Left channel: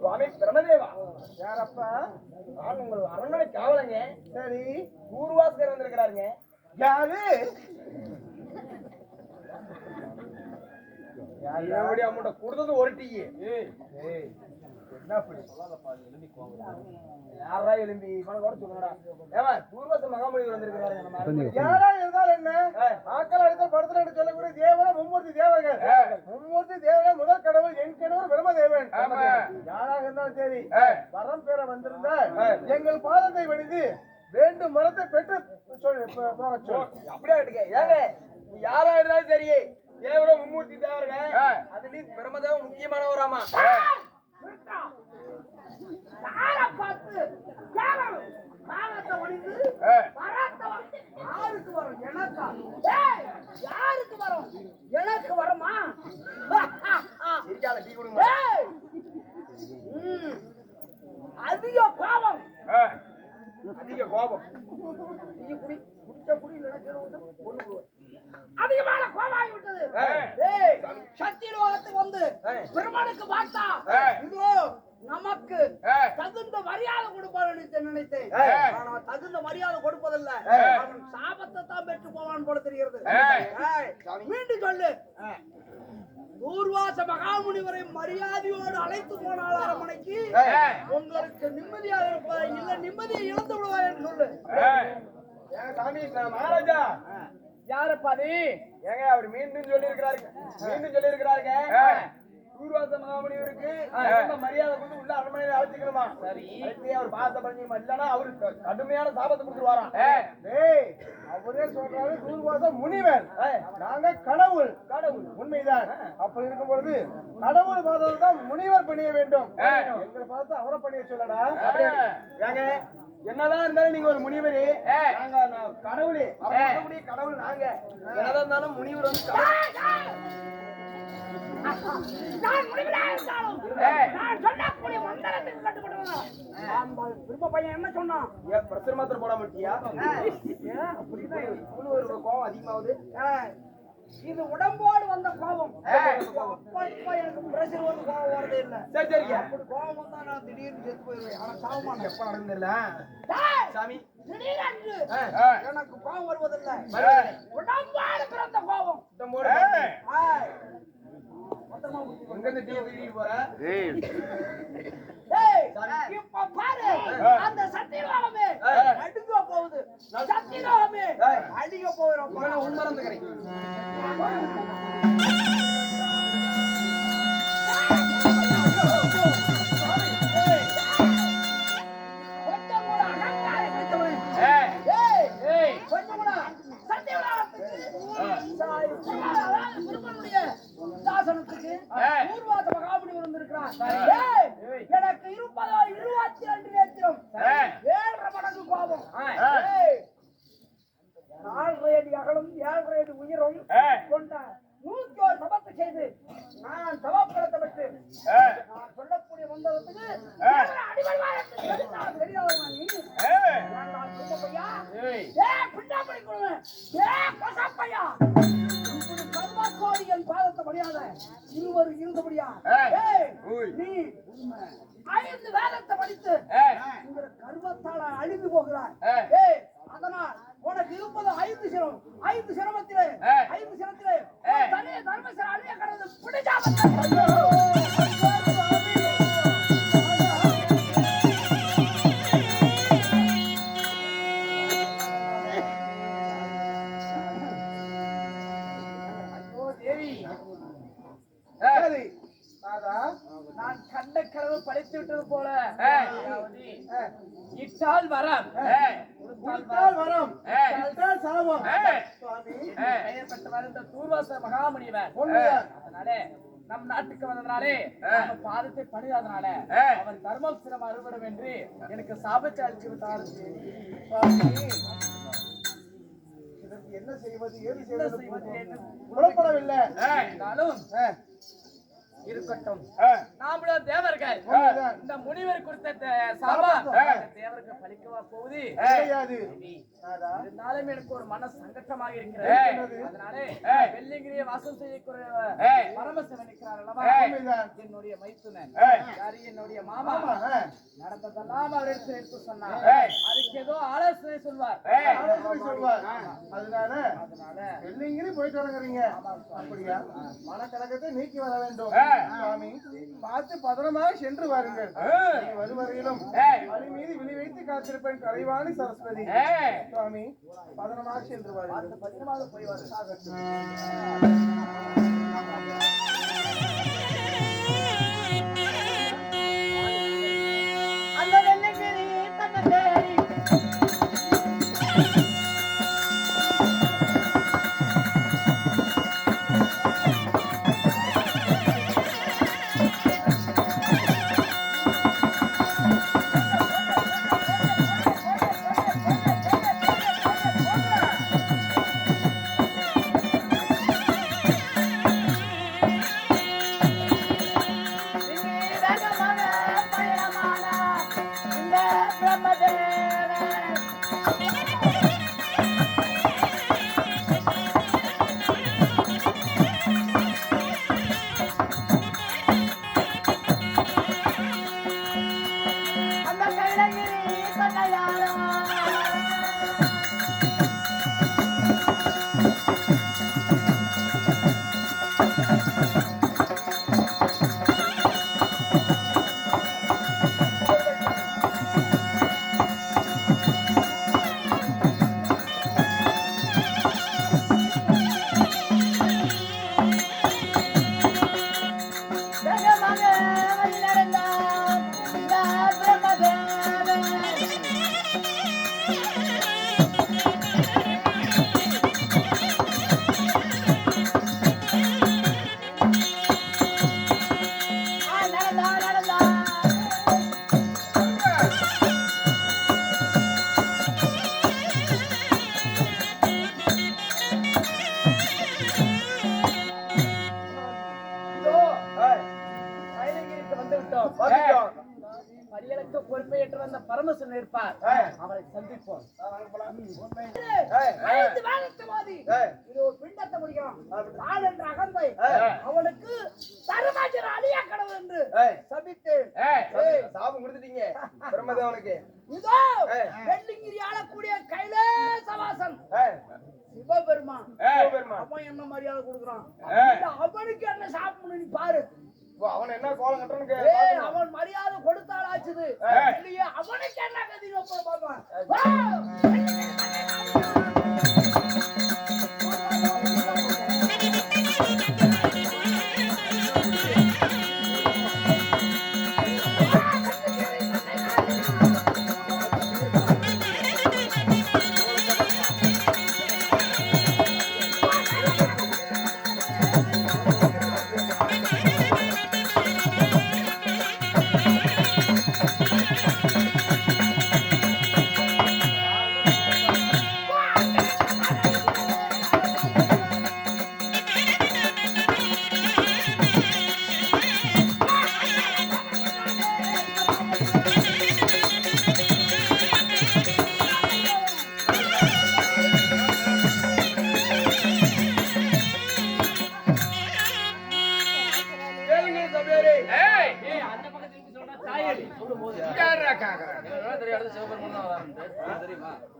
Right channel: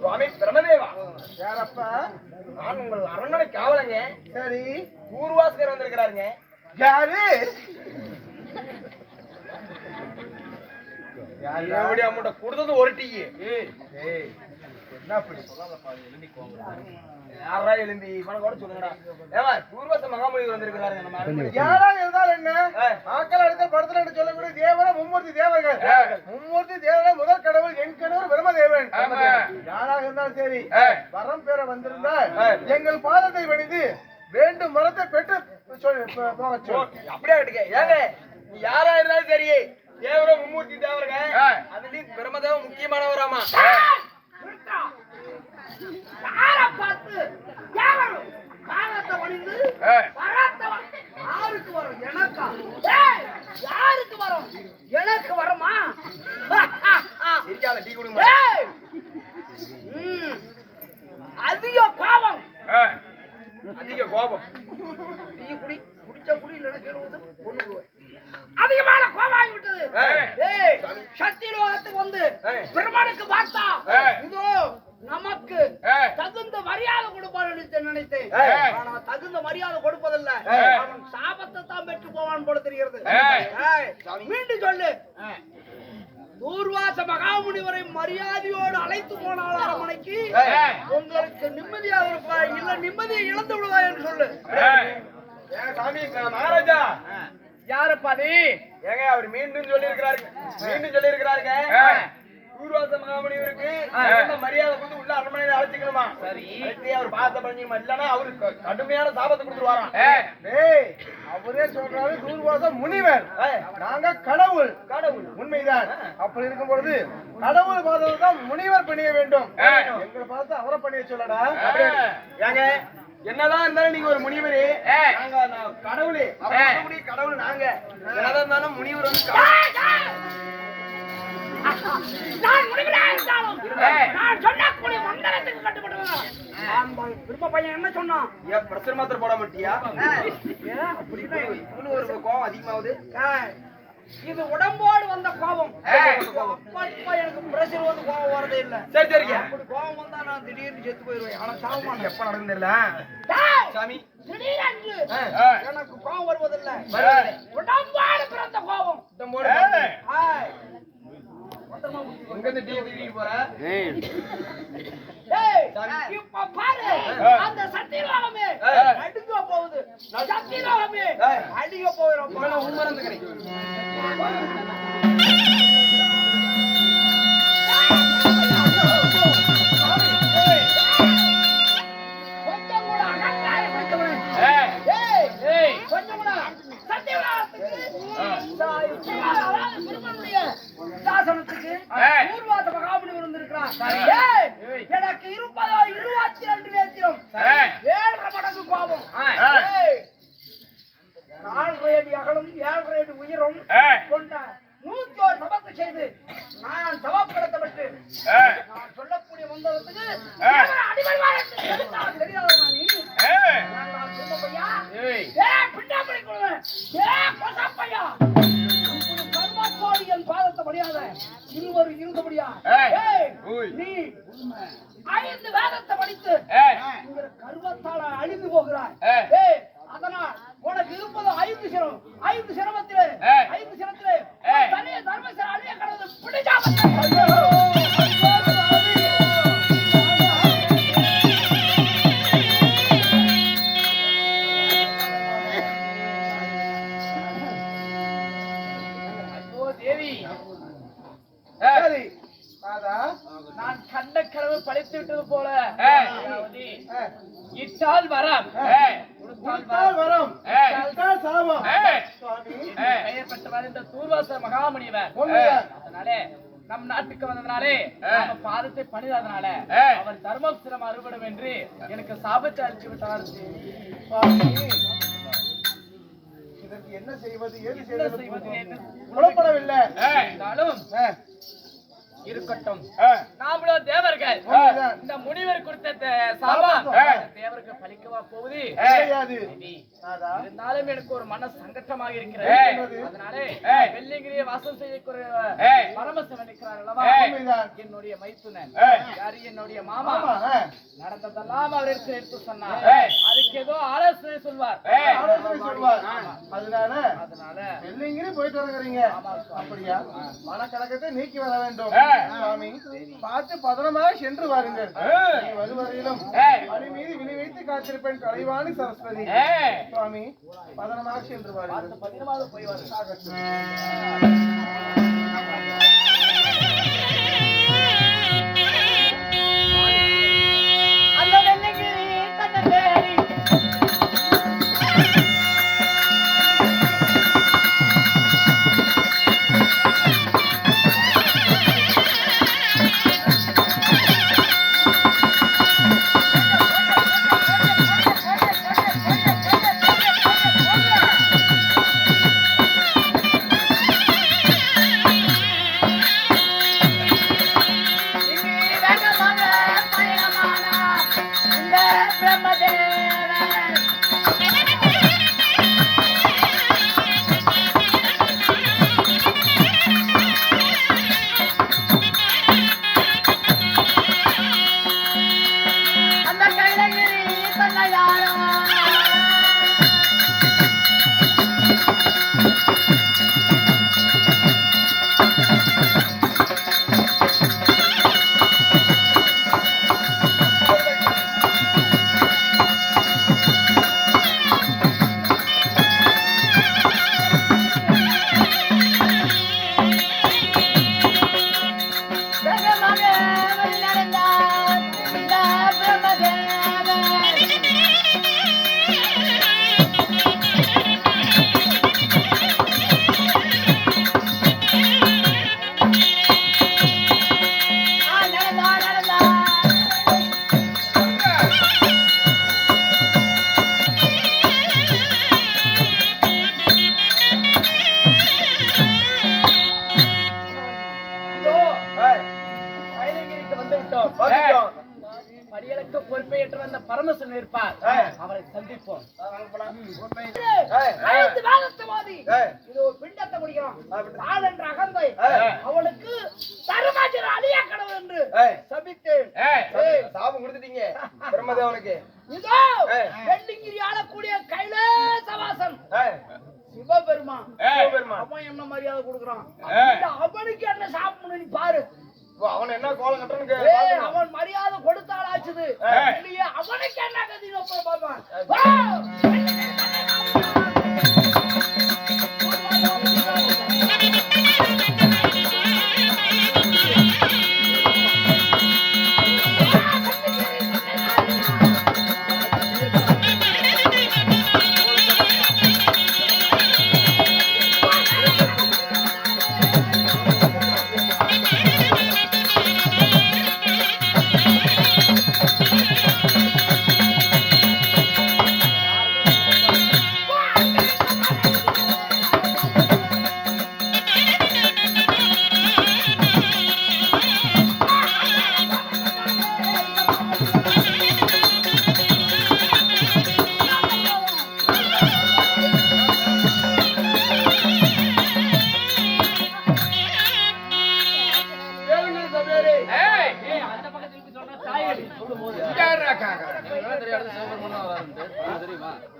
சுவாமி பிரமதேவா, யாரப்பா? நான் உங்கள் அரண்மனை காவலங்க. சரி, பூர்வாசகர் வந்திருக்கிறாருங்க. யாரு? எப்படி அமௌண்ட கொடுத்தது ஒரு டீ? என்ன அப்படி யாரா எழும்பி கூட சொல்லுங்கடா. ஏமா பூர்வாச மகாமொழி வந்திருக்கிறாருங்க. நம்ம யாரா இருந்தாலும் என்ன ஆக்கள் அடுத்த படத்துல சொல்லக்கூடிய தேவன மும்மூர்த்தி தேவர்கள். மும்மூர்த்தி தேவன முதல் கடவுள் என் கடவுள் பிரம்மதேவன். யாராக இருந்தாலும் சரி, வரம் பெற வந்திருந்தா எங்கள் பாதத்தை வணிந்து வேண்டும் மரத்தை பெற்று போக சொல்லு. அப்படியே கேட்டுக்க. ஏங்க யாரா இருந்தாலும் சரி, தேவர மும்மூர்த்தி தேவருங்க. அதுலயும் பிரம்மதேவன் முக்கியமானவராமா. எனக்கு வரமா? அதிக கோபம், அதிக கோபம். குடிச்ச குடி இல்லைன்னா அதிகமான கோபம் ஆகிவிட்டது. சக்தி லோகத்துக்கு வந்து பெருமானுக்கு பார்த்தா இதோ நமக்கு தகுந்த மரியாதை கொடுப்பான் நினைத்தேன். ஆனா தகுந்த மரியாதை கொடுப்பதில்லை, அவன் சாபத்தை தான் பெற்று போவான் போல தெரிகிறது. மீண்டும் சொல்லு. தூர்வாச மகாமுனிவரை மரியாதையோடு அழைத்து போனால் அரண்மனைக்கு உங்களுக்கு நிம்மதியாக இருப்பா, இல்ல நிம்மதியை இழந்து விடுவா என்று சொல்லு. மகாராஜா யாருப்பா நீ? ஏங்க அவர் மீண்டும் சொல்லி இருக்கிறாருங்க. பூர்வாச மகாமுனிவருக்கு மரியாதை கொடுத்து உள்ள அரண்மனையில அழைச்சிக்கணுமா? சரி, அவர் பார்த்த பண்ணிக்கணுமா? இல்லன்னா அவருக்கு கடுமையான சாபத்தை கொடுத்துருவாராம். அவரே சொல்றாரு பூர்வாச முனிவர், நாங்க கடவுள். உண்மைதான். அப்படி இருக்கும் பொழுது கடவுள் பார்த்தது தான் முனிவர் பண்ணிய வேண்டும். எங்களை பார்த்து அவரை பண்ணிய சொல்லடா. ஏங்க என்னதான் இருந்தாலும் நீங்க ஒரு முனிவரே, நாங்க கடவுளே. கடவுள் நாங்க என்னதான் இருந்தாலும் முனிவர் வந்து நான் முனிவரா இருந்தாலும் நான் சொன்னக்கூடிய மந்திரத்துக்கு கட்டுப்பட்டவன். திரும்ப பையன் என்ன சொன்னான்? ஏன் பிரஷர் மாத்திரம் போட மாட்டியா? அப்படி ஒரு கோபம் அதிகமாகுது. இது உடம்போடு வந்த கோபம். எனக்கு பிரஷர் வந்து கோபம் வரதே இல்ல. சரி சரிங்க. அப்படி கோபம் வந்தா நான் திடீர்னு செத்து போயிருவேன். ஆனா சாவுமா எப்ப நடந்ததில்ல சாமி. திடீரென்று எனக்கு கோபம் வருவதில்லை. உடம்போடு பிறந்த கோபம். எங்க டீ போற? இப்ப பாரு, அந்த சத்தியலோகமே அடிக்க போகுது. சத்தியலோகமே அடிக்க போகிறோம். உண்மறந்துக்கிறேன். கொஞ்சம் கூட அகங்காரம் பிடித்தவனே, கொஞ்சம் கூட சத்தியலோகத்துக்கு பெருமனுடைய சாசனத்துக்கு பூர்வாச மகாமுனிவர் வந்திருக்கிறார். எனக்கு இருப்பதோ 22 நேத்திரம், 7.5 மடங்கு கோபம், 4 அடி அகலம், 7 அடி உயரம் கொண்ட 101 சபத்தை செய்து நான் சபப்படுத்தப்பட்டு நான் சொல்லக்கூடிய மந்திரத்துக்கு அடிபடுவார் தெரியாதவனா நீ? பின்னாடி கொடுவேன். கர்மாக்கோடியின் பாதத்தை முடியாத இருவரும் இருக்க முடியாது. நீ 5 வேதத்தை படித்து கர்வத்தால அழிந்து போகிறாய். அதனால் உனக்கு இருப்பது 5 சிரம். 5 சிரமத்திலே 5 சிரத்திலே தனிய தர்மசிர அழிய கடவுள் பிடிச்சாம நான் கண்ட கனவு படைத்து விட்டது போல இட்டால் வரம், பெயர் பெற்றவர் இந்த தூர்வாச மகாமுனிவர். அதனாலே நம் நாட்டுக்கு வந்ததுனாலே நம்ம பாதத்தை பணிதனால அவர் தர்மம் சிரம் அறுபடும் என்று எனக்கு சாபத்தை அளிச்சு விட்டார். இதற்கு என்ன செய்வது, ஏது செய்வது புலப்படவில்லை. இருக்கட்டும். நாமளும் தேவர்கள். இந்த முனிவர் கொடுத்த சாபம் தேவருக்கு பலிக்கவா போகுது? இருந்தாலும் எனக்கு ஒரு மன சங்கட்டமாக இருக்கிறது. அதனாலே வெள்ளிங்கிரியை வாசம் செய்யக்கூடிய பரமசிவன் இருக்கிறார் அல்லவா, என்னுடைய மைத்துனன், யாரு என்னுடைய மாமா, நடந்ததெல்லாம் அவர் எடுத்து சொன்னார். அதுக்கு ஏதோ ஆலோசனை சொல்வார். அதனால வெள்ளிங்கிரி போயிட்டு வருகிறீங்க. அப்படியா? மனக்கலக்கத்தை நீக்கி வர வேண்டும் சுவாமி. பார்த்து பதனமாக சென்று வாருங்கள். வருவதையிலும் அடி மீது விழி வைத்து காத்திருப்பேன் கலைவாணி சரஸ்வதி. சுவாமி பதனமாக சென்று வாருங்கள். பதனமாக போய் அந்த வெள்ளிங்கிரி தன்னை தேடி படியலுக்கு பொறுப்பேற்று வந்த பரமசிவன் இருப்பார். அவரை சந்திப்போம். பிண்டத்தை முடிக்கிறோம். என்ற அகந்தை அவனுக்கு தர்மஜர அழிய கடவுள் என்று சபித்தேன். சாபம் கொடுத்துட்டீங்க பிரம்மதேவனுக்கு. இதோ வெள்ளிங்கிரி ஆளக்கூடிய கைலாசவாசன் சிவபெருமான் அவன் என்ன மரியாதை கொடுக்குறான். அவனுக்கு என்ன சாப்பிடணும் நீ பாரு. அவன் என்ன கோலம் கட்டணுங்க? அவன் மரியாதை கொடுத்தால் ஆச்சுது இல்லையே, அவனுக்கு என்ன கதி பாப்பான்.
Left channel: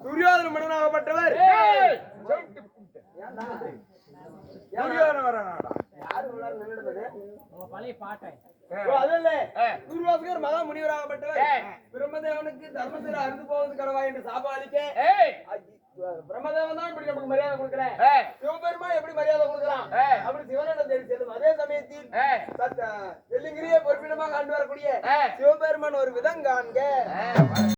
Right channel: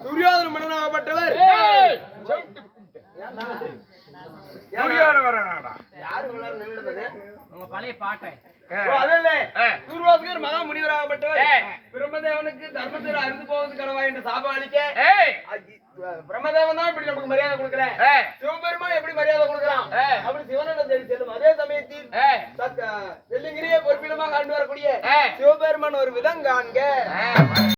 துரியோதன மன்னனாகப்பட்டவர் பழைய பாட்டை துர்வாசகர் மகா முனிவராகப்பட்டவர் பிரம்மதேவனுக்கு தர்மத்தில் அறுந்து போவது கடவா என்று சாபம் அளிக்க பிரம்மதேவன் தான் இப்படி நமக்கு மரியாதை கொடுக்கிறேன். சிவபெருமான் எப்படி மரியாதை கொடுக்கிறான் அப்படி சிவனிடம் தேடி செல்லும். அதே சமயத்தில் வெள்ளிங்கிரியை பொறுப்பிடமாக ஆண்டு வரக்கூடிய சிவபெருமான் ஒரு விதம் காண்க.